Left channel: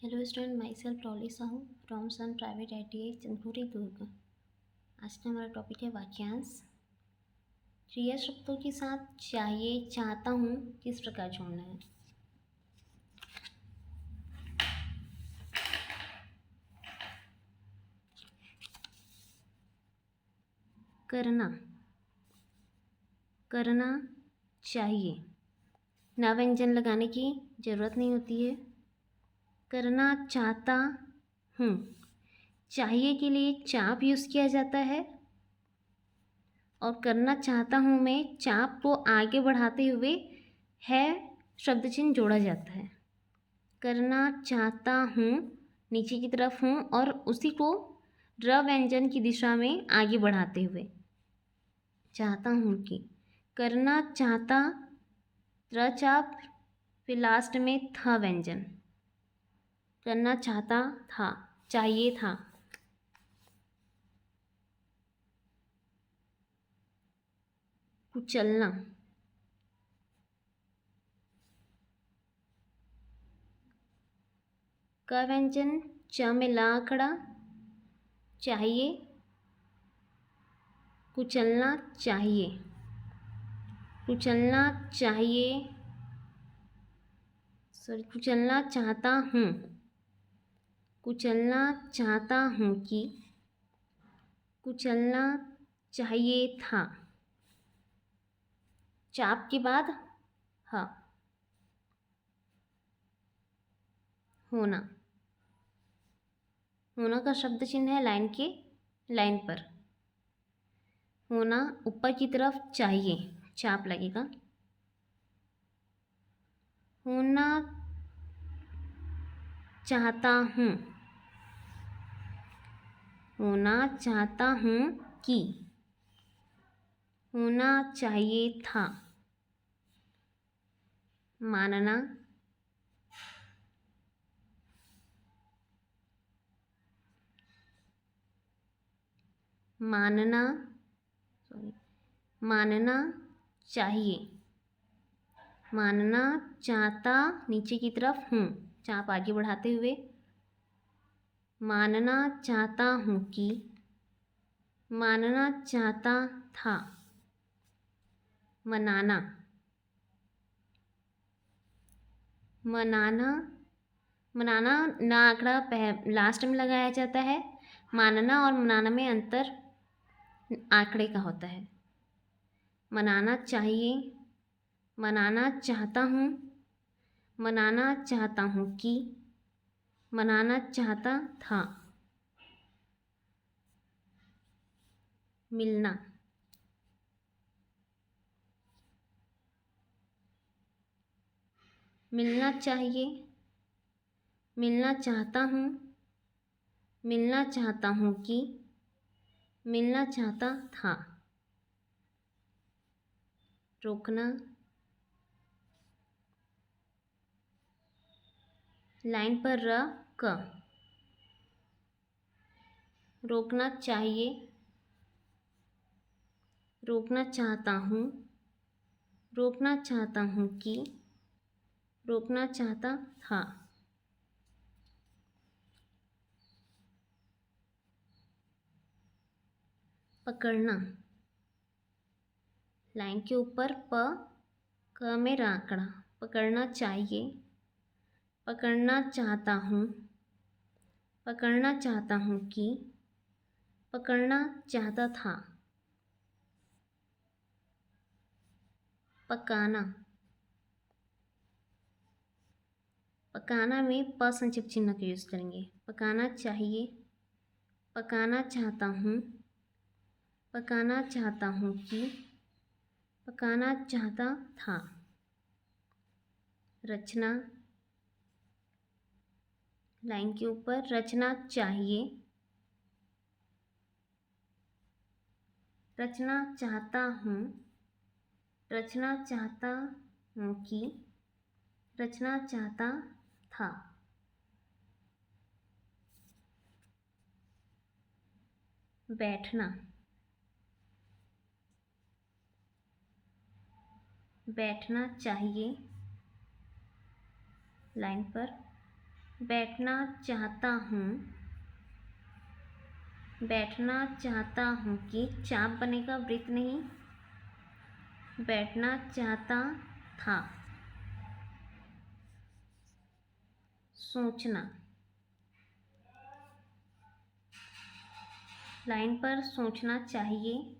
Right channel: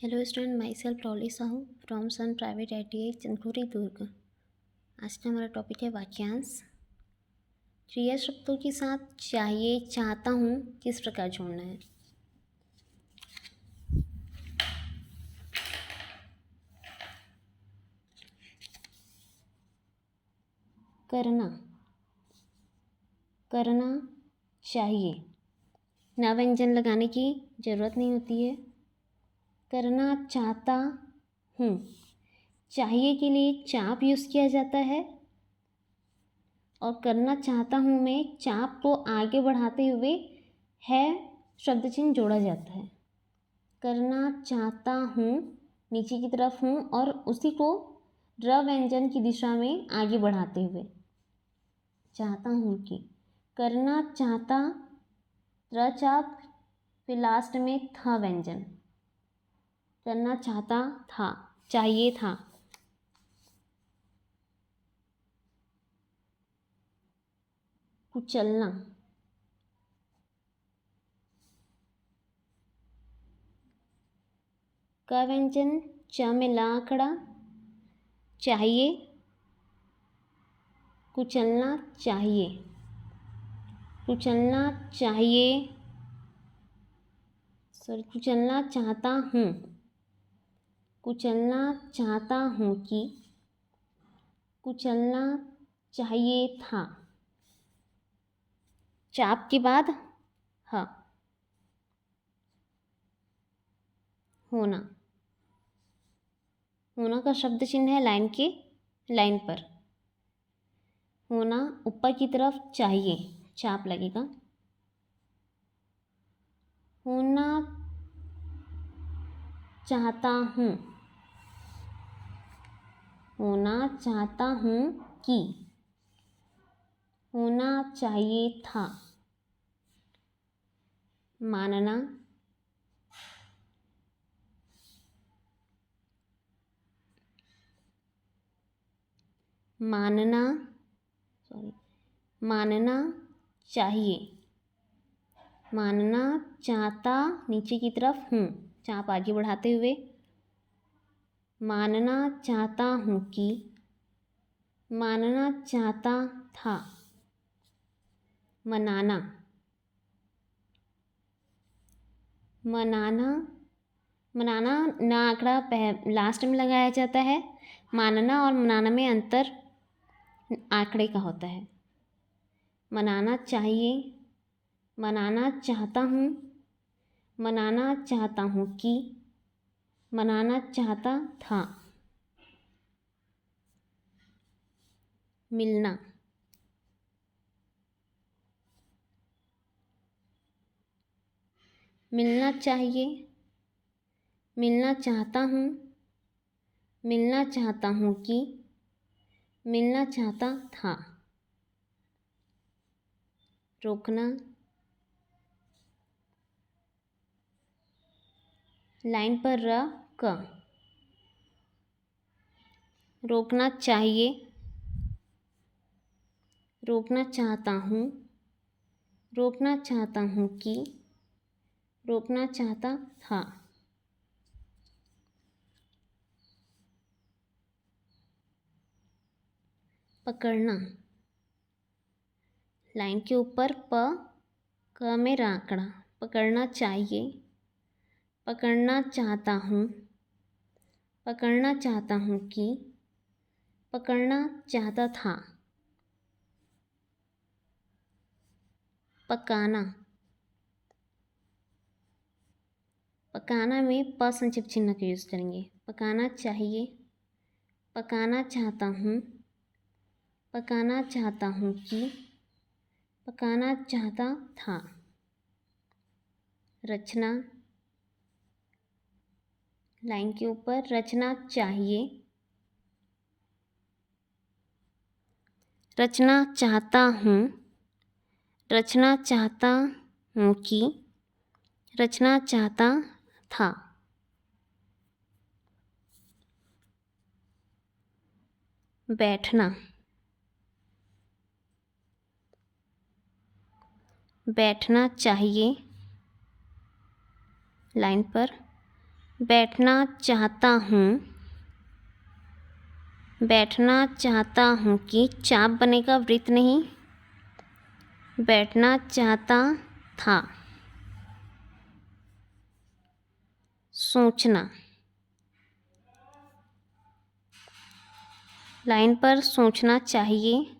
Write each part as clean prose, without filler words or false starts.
Hello student, myself Prali Sahu from sun private ITI Chandkhuri Durg. आज का हमारा टॉपिक है वाक्यांश। क्रिया शब्दों के साथ चाहिए, चाहता हूँ किस प्रकार जोड़ना है। करना, करना चाहिए, ना व्यंजन लगाने की ज़रूरत नहीं होती है। करना चाहता हूँ, चाहिए के लिए चाप यूज़ किया जाता है और करना चाहता हूँ में चाप को आगे बढ़ाते हुए है शब्द चिन्ह जोड़ा जाता है। करना चाहता हूँ नीचे की तरफ हूँ और उसी को र व्यंजन की दिशा में आगे बढ़ाते हुए चाहता हूँ कि करना चाहता र चाप फिर लास्ट में था व्यंजन। करना चाहता था, चाहिए था। कुचलना, का व्यंजन च में ला खड़ा, चाहिए, कुचलना चाहिए, कुचलना चाहिए, सॉरी कुचलना चाहता हूँ, कुचलना चाहता हूँ कि कुचलना चाहिए था। चाप के बाद ह, होना, होना का शब्द चिन्ह है लाइन पर। होना ऊपर की तरफ चाहिए, चाप लगेगा। होना चाहता हूँ, होना चाहता हूँ कि होना चाहिए था। मानना, मानना सॉरी मानना चाहिए, मानना चाहता नीचे की तरफ हूँ, चाप आगे बढ़ाते हुए मानना चाहता हूँ कि मानना चाहता था। मनाना, मनाना, मनाना ना आंकड़ा लास्ट में लगाया जाता है। मानना और मनाना में अंतर आंकड़े का होता है। मनाना चाहिए, मनाना चाहता हूँ, मनाना चाहता हूँ कि मनाना चाहता था। मिलना, मिलना चाहिए, मिलना चाहता हूँ, मिलना चाहता हूँ कि मिलना चाहता था। रोकना, लाइन पर र क, रोकना चाहिए, रोकना चाहता हूँ, रोकना चाहता हूँ कि रोकना चाहता था। पकड़ना, लाइन के ऊपर प क में राकड़ा, पकड़ना चाहिए, पकड़ना चाहता हूँ, पकड़ना चाहता हूँ कि पकड़ना चाहता था। पकाना, पकाना में प संक्षिप्त चिन्ह का यूज़ करेंगे। पकाना चाहिए, पकाना चाहता हूँ, पकाना चाहता हूँ कि पकाना चाहता था। रचना, लाइन के ऊपर रचना चाहिए, रचना चाहता हूँ, रचना चाहता हूँ कि रचना चाहता था। बैठना, बैठना चाहिए, लाइन पर बैठना चाहता हूँ, बैठना चाहता हूँ कि चाप बनेगा, वृत्त नहीं। बैठना चाहता था। सोचना, लाइन पर सोचना चाहिए।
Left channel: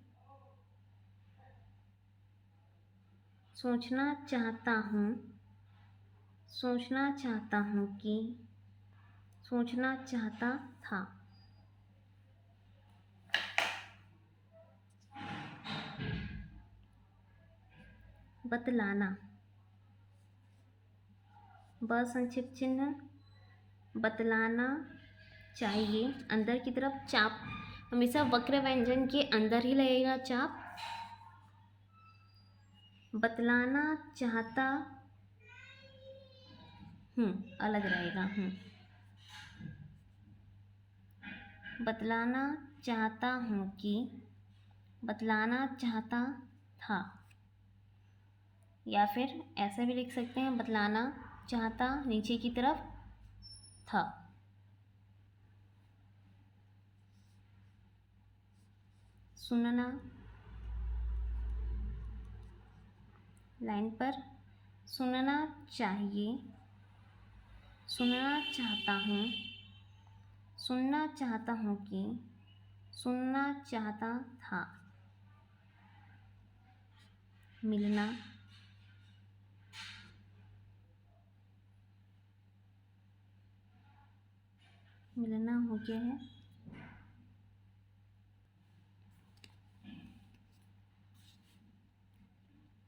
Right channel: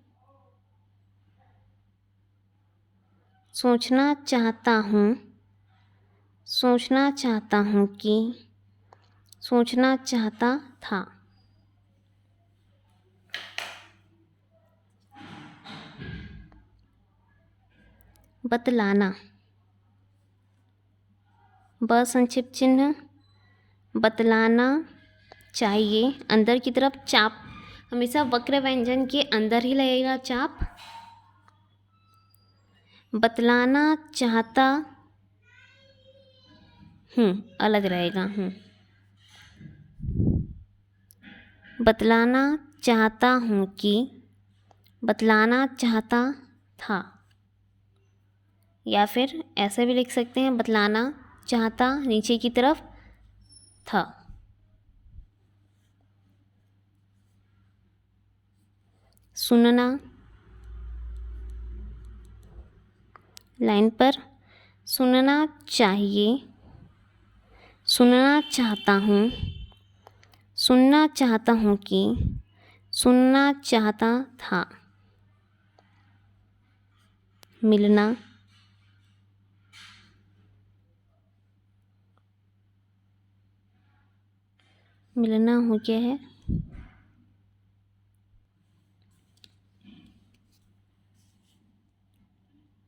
सोचना चाहता हूँ, सोचना चाहता हूँ कि सोचना चाहता था। बतलाना, ब संक्षिप्त चिन्ह, बतलाना चाहिए। अंदर की तरफ चाप, हमेशा वक्र व्यंजन के अंदर ही लगेगा चाप। बतलाना चाहता हूँ अलग रहेगा। बतलाना चाहता हूँ कि बतलाना चाहता था, या फिर ऐसे भी लिख सकते हैं, बतलाना चाहता नीचे की तरफ था। सुनना, लाइन पर सुनना चाहिए। सुनना चाहता हूँ, सुनना चाहता हूँ कि सुनना चाहता था। मिलना, मिलना हो गया है।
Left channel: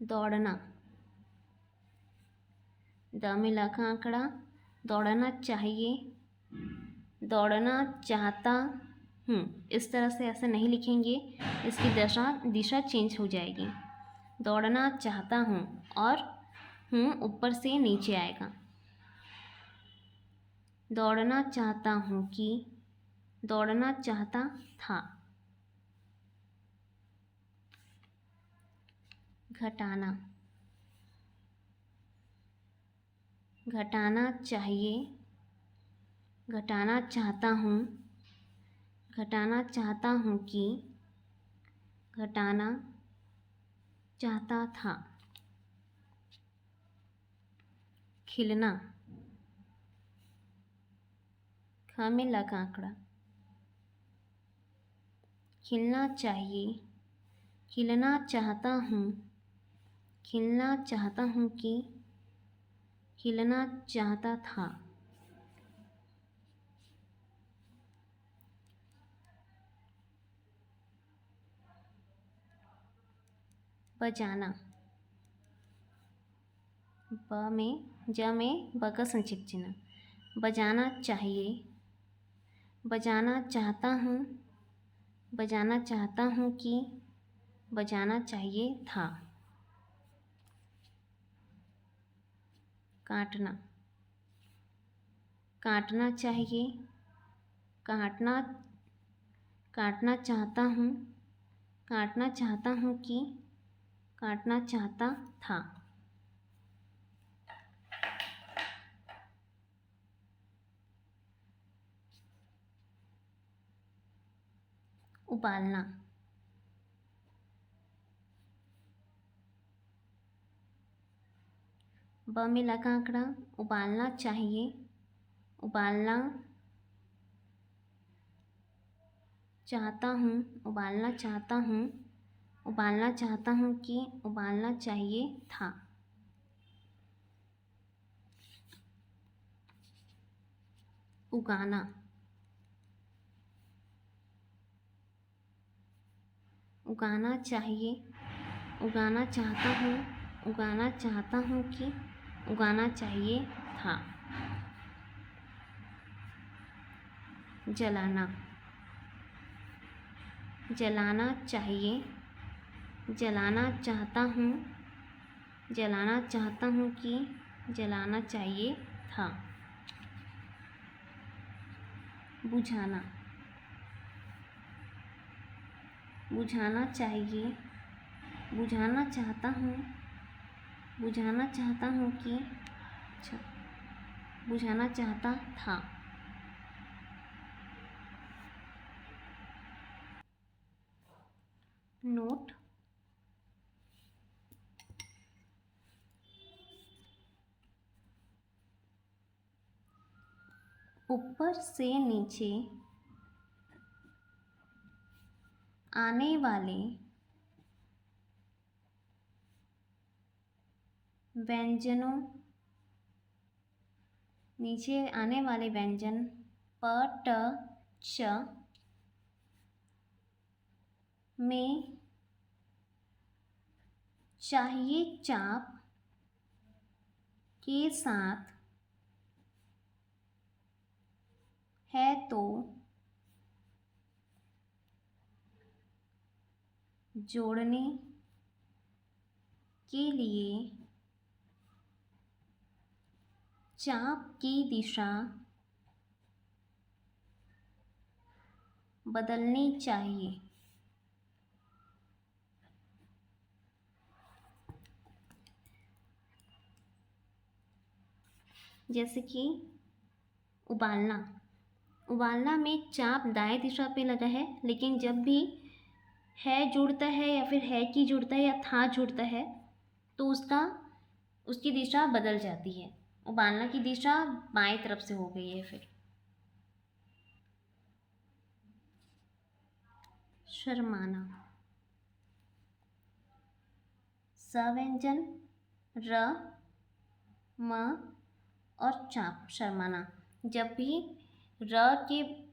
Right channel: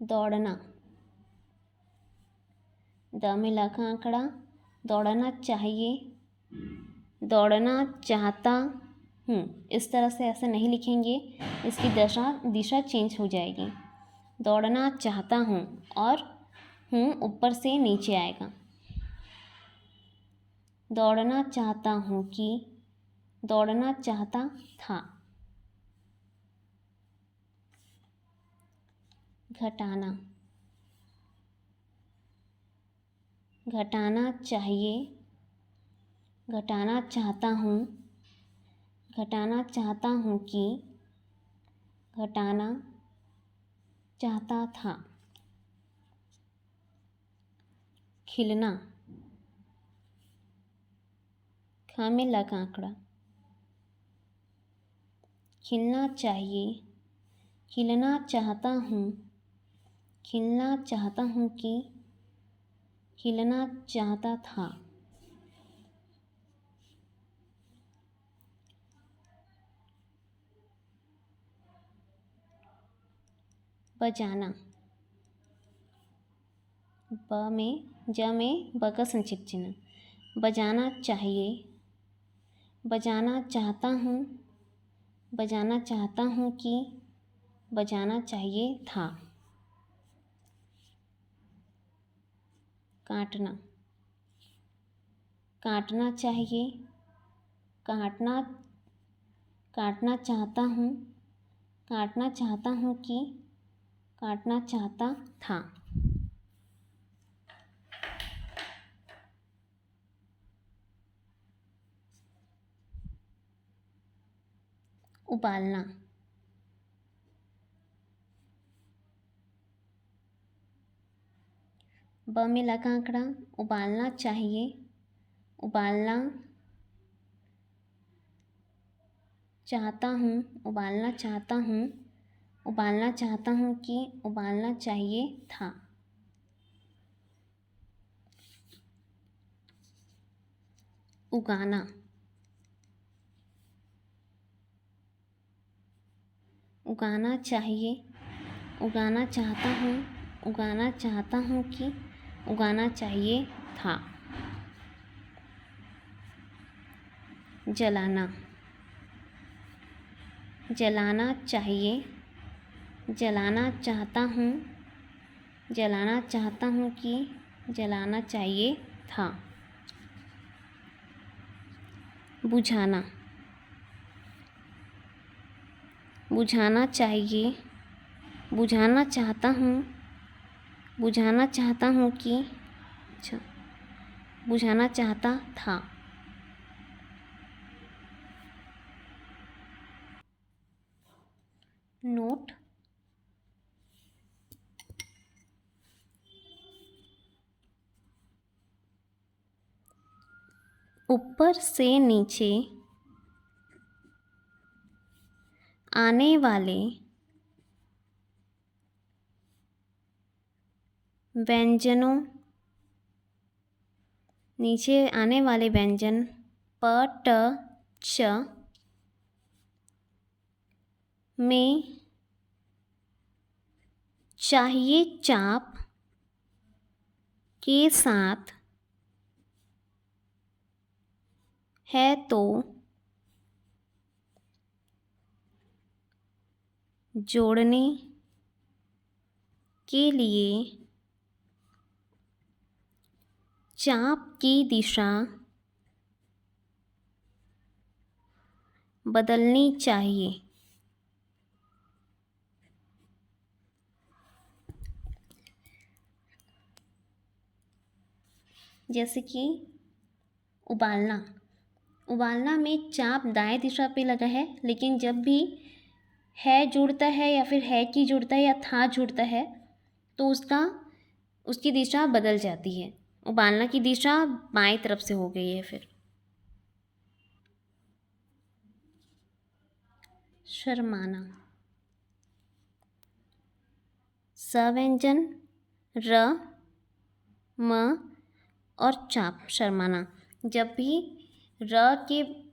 दौड़ना, द में लखा आंकड़ा, दौड़ना चाहिए, दौड़ना चाहता हूँ। इस तरह से ऐसे नहीं लिखेंगे, इसकी दिशा चेंज हो जाएगी। दौड़ना चाहता हूँ और हूँ ऊपर से नीचे आएगा। दौड़ना चाहता हूँ कि दौड़ना चाहता था। घटाना, घटाना चाहिए, घटाना चाहता हूँ, घटाना चाहता हूँ कि घटाना चाहता था। खिलना, ख में लगा आंकड़ा, खिलना चाहिए, खिलना चाहता हूँ, खिलना चाहता हूँ कि खिलना चाहता था। बजाना, ब में ज में ब का संक्षिप्त चिन्ह। बजाना चाहिए, बजाना चाहता हूँ, बजाना चाहता हूँ कि बजाना चाहिए था। काटना, काटना चाहिए, काटना काटना चाहता हूँ, काटना चाहता हूँ कि काटना चाहता था। उबालना, ब में लगा आंकड़ा, उबालना चाहिए, उबालना चाहता हूँ, उबालना चाहता हूँ, उबालना चाहता हूँ कि उबालना चाहिए था। उगाना, उगाना चाहिए, उगाना चाहता हूँ, उगाना चाहता हूँ कि उगाना चाहिए था। जलाना, जलाना चाहिए, जलाना चाहता हूँ, जलाना चाहता हूँ कि जलाना चाहिए था। बुझाना, बुझाना चाहिए, बुझाना चाहता हूँ, बुझाना चाहता हूँ कि अच्छा बुझाना चाहता था। नोट ऊपर से नीचे आने वाले व्यंजनों, नीचे आने वाले व्यंजन प ट च में चाहिए चाप के साथ है तो जोड़ने के लिए चाप की दिशा बदलनी चाहिए। जैसे कि उबालना, उबालना में चाप दाएं दिशा पे लगा है, लेकिन जब भी है जुड़ता है या फिर है की जुड़ता है या था जुड़ता है तो उसकी दिशा बदल जाती है। उबालना की दिशा बाएं तरफ से हो गई है। फिर शर्माना, स व्यंजन र म और चाप, शर्माना। जब भी र के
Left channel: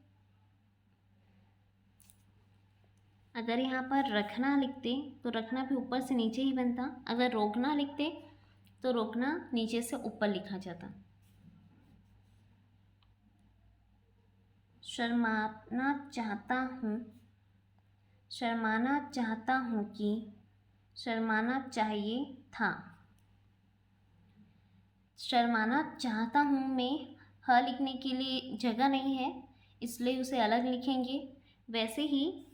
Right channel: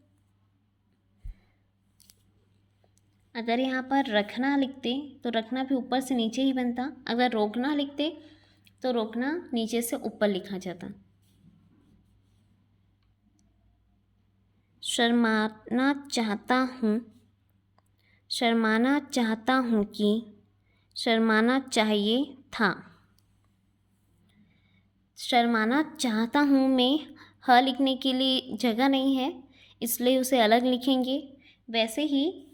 अगर यहाँ पर रखना लिखते तो रखना भी ऊपर से नीचे ही बनता, अगर रोकना लिखते तो रोकना नीचे से ऊपर लिखा जाता। शर्माना चाहता हूँ, शर्माना चाहता हूँ कि शर्माना चाहिए था। शर्माना चाहता हूँ में ह लिखने के लिए जगह नहीं है, इसलिए उसे अलग लिखेंगे। वैसे ही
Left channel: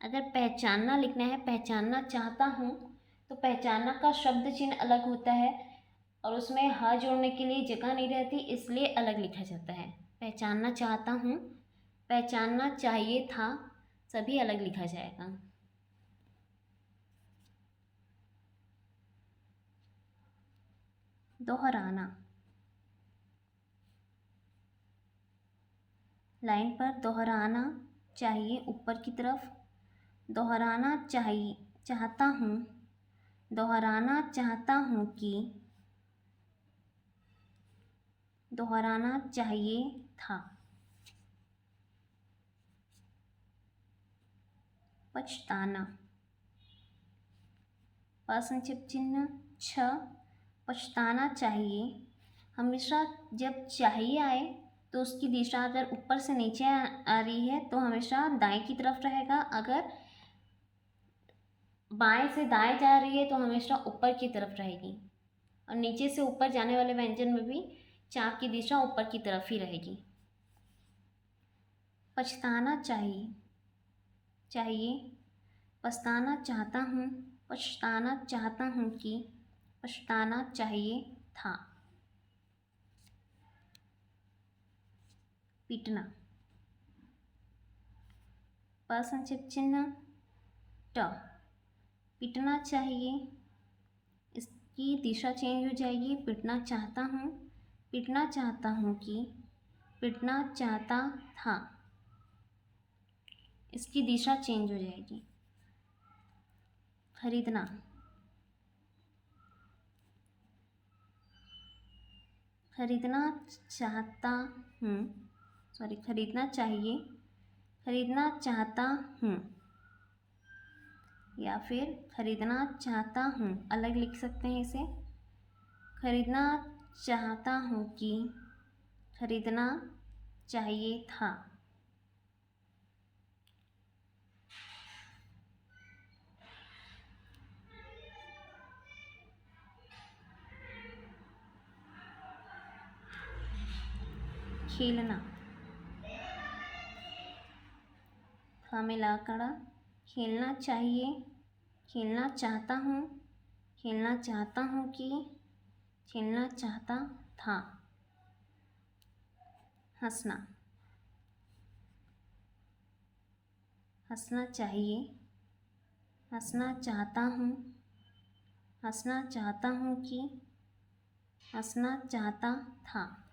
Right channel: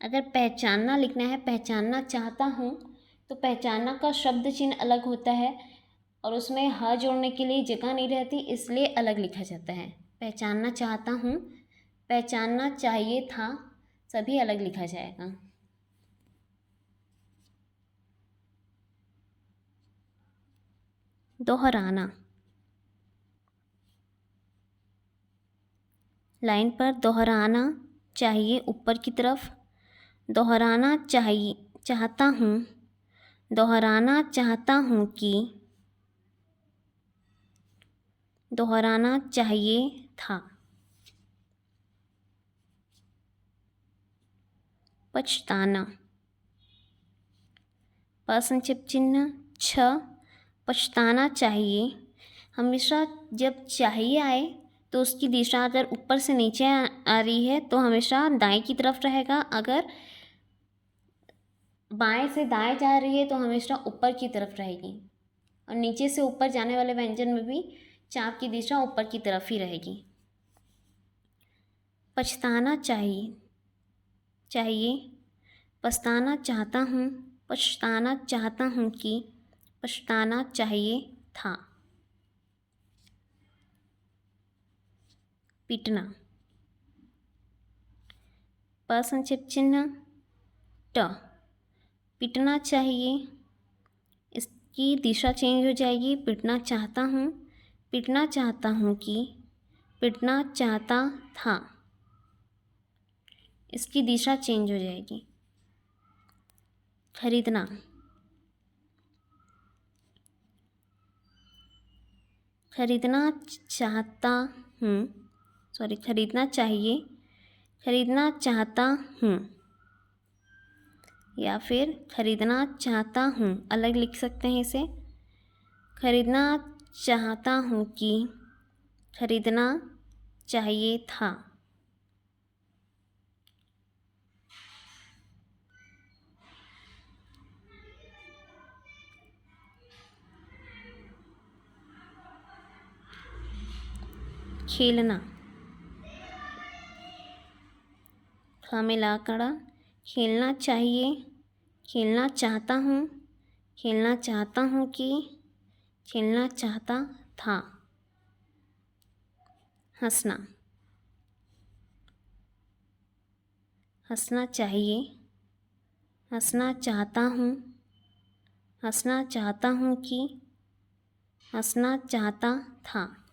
अगर पहचानना लिखना है, पहचानना चाहता हूँ, तो पहचानना का शब्द चिन्ह अलग होता है और उसमें ह जोड़ने के लिए जगह नहीं रहती, इसलिए अलग लिखा जाता है। पहचानना चाहता हूँ, पहचानना चाहिए था, सभी अलग लिखा जाएगा। दोहराना, लाइन पर दोहराना चाहिए ऊपर की तरफ। दोहराना चाहिए चाहता हूँ, दोहराना चाहता हूँ कि दोहराना चाहिए था। पछताना, प्रश्नचिह्न चिन्ह छ, पछताना चाहिए। हमेशा जब चाहिए आए तो उसकी दिशा अगर ऊपर से नीचे आ रही है तो हमेशा दाएं की तरफ रहेगा, अगर बाएं से दाएं जा रही है तो हमेशा ऊपर की तरफ रहेगी। और नीचे से ऊपर जाने वाले व्यंजन में भी चाप की दिशा ऊपर की तरफ ही रहेगी। पछताना चाहिए, पछताना चाहता हूँ, पछताना चाहता हूँ कि पछताना चाहिए था। पीटना, प्रश्नचिह्न चिन्ह ट, पीटना चाहिए, इसकी दिशा चेंज हो जाएगी। पीटना चाहता हूँ, पीटना चाहता हूँ कि पीटना चाहता था, इसकी दिशा चेंज हो जाएगी। खरीदना, खरीदना चाहता हूँ, खरीदना चाहिए, खरीदना चाहता हूँ, या फिर खरीदना चाहता हूँ, अलग लिख सकते हैं इसे। खरीदना चाहता हूँ कि खरीदना चाहिए था। खेलना, ख में ला कड़ा, खेलना चाहिए, खेलना चाहता हूँ, खेलना चाहता हूँ कि, खेलना चाहता था। हंसना, हंसना चाहिए, हंसना चाहता हूँ, हंसना चाहता हूँ कि, हंसना चाहता था।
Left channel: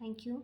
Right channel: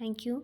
Thank you.